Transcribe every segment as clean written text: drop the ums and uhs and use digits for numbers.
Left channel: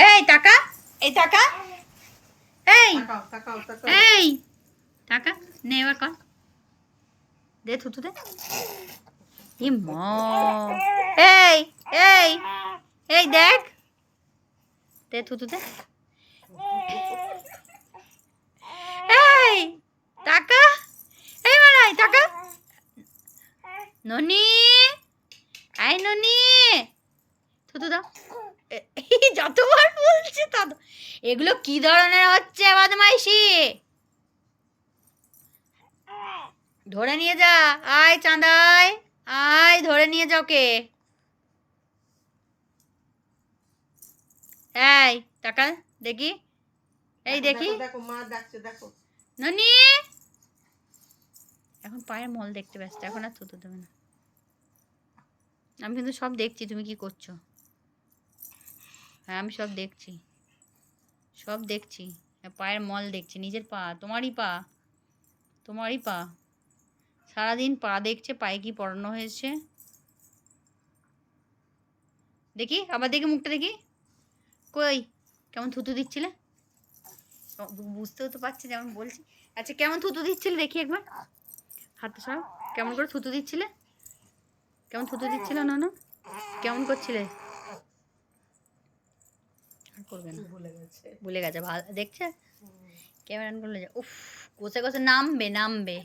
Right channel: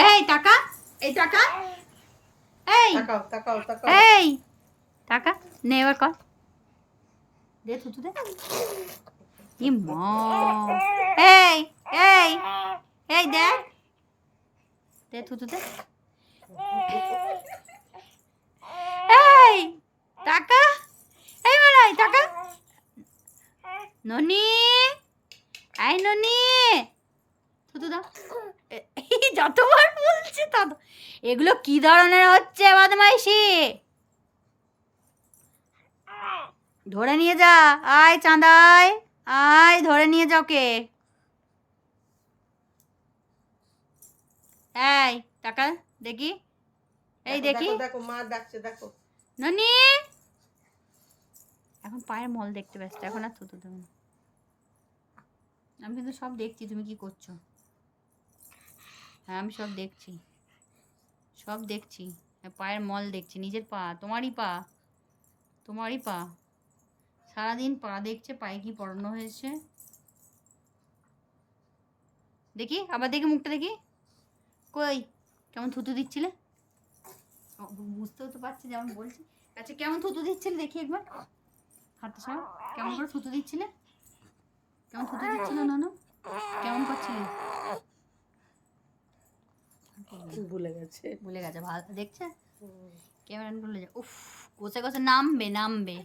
এই টাকা, এই টাকা, এই এই টাকা নে, এবার কর, দে থুতু দে। ই মা, এই এই এই দেখ, দে থুতু দে। এই টাকা, এই মারাই টাকা। ননি, আই ননি, থুতু দাও। যতবার বলছে তত। এগুলো কি ধরনের হচ্ছে বদমাইশি? ধরে নিয়ে যা, আয় চাঁদাই, আয় ধরে নিয়ে যাও কে। এই টাকা দেখি, এই দেখি ননি। এখন পায়ের মল দেখতে ব্যস্ত, এখন আর থুতু দেবে না। আমি কিন্তু সব দেখছি তুমি কি করছো। হ্যাঁ আমি সব দেখছি, সব দেখছি। পায়ের মল দেখছি, নিজের পা, তোমারই পা, তোমারই পা। সারাদিন পা দেখছে, পায়ে কি পরানো হয়েছে দেখি, আবার দেখি মুখটা দেখি। কই কেমন থুতু দিচ্ছিলে? বুঝতেও তো পারছি যেমন বলছি। আচ্ছা কেমন থুতু দিচ্ছিলে দেখি একবার, হাতটা সরাও। কেমন করে থুতু দিচ্ছিলে? কেমন থুতু দিচ্ছিল ননু? কেমন করছিলে? ভুলে গেছে, ভুলে গেছে। ভালো দেখছে ক্যামেরা অন করলে। উফ, গোছে গোছে নামবে নামবে।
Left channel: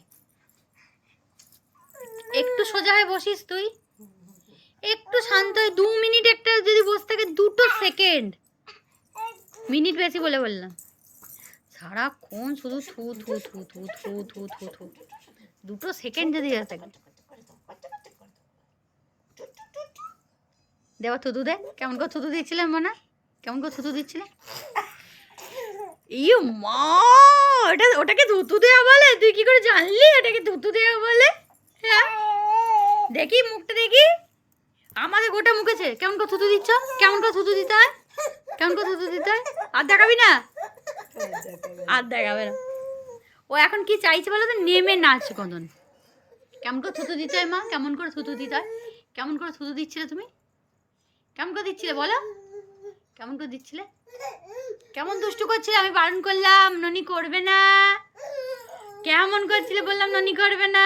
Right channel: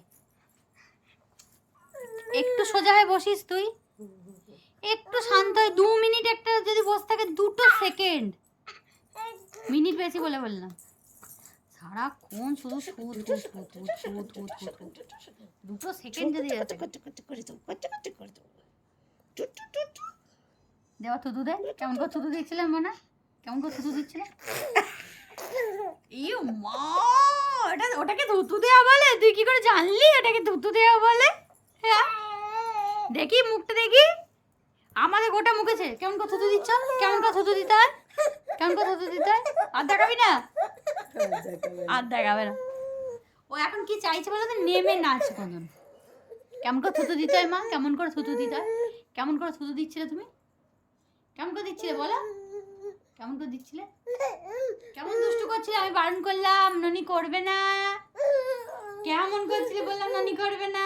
একটু সোজা হয়ে বসিস তুই, একটু শান্ত হয়ে 2 মিনিট একটা যদি বসে থাকে, 2 সেকেন্ড, মিনিট বেশি বলে বললাম। সারাক্ষণ শুধু থু থু থু থু থু থু থু থু, 2 সেকেন্ড যদি দেওয়া থুতু দে। কেমন করে থুতু দিচ্ছিলাম মনে? কেমন করে থুতু দিচ্ছিলে? ইয়ে মা, ওটাকে থুতু দেওয়া বলে? তুই কি করে জানলি ওটাকে থুতু দেওয়া বলে? হ্যাঁ দেখি মুখটা দেখি, আমাদের গোটা মুখেছে। কেমন করে থুতু দিচ্ছ? কেমন করে থুতু দিতে হয়? কেমন করে থুতু দিতে হয়? আর দেখাবি না? আর দেখাবে না। ও এখন কি চাইছে বলো তো? নেমে নাচ কদন। কেমন করে থুতু দিতে হয় মা? কেমন করে থুতু দিতে হয়? কেমন করে থুতু দিচ্ছিলে তুমি? কেমন করে দিচ্ছিলে বলো? কেমন করে দিচ্ছিলে? কেমন দুষ্টু করছিলে? আমি বারণ করলাম ননি করবে না। কেমন করছিলে বললাম ননি করবে না।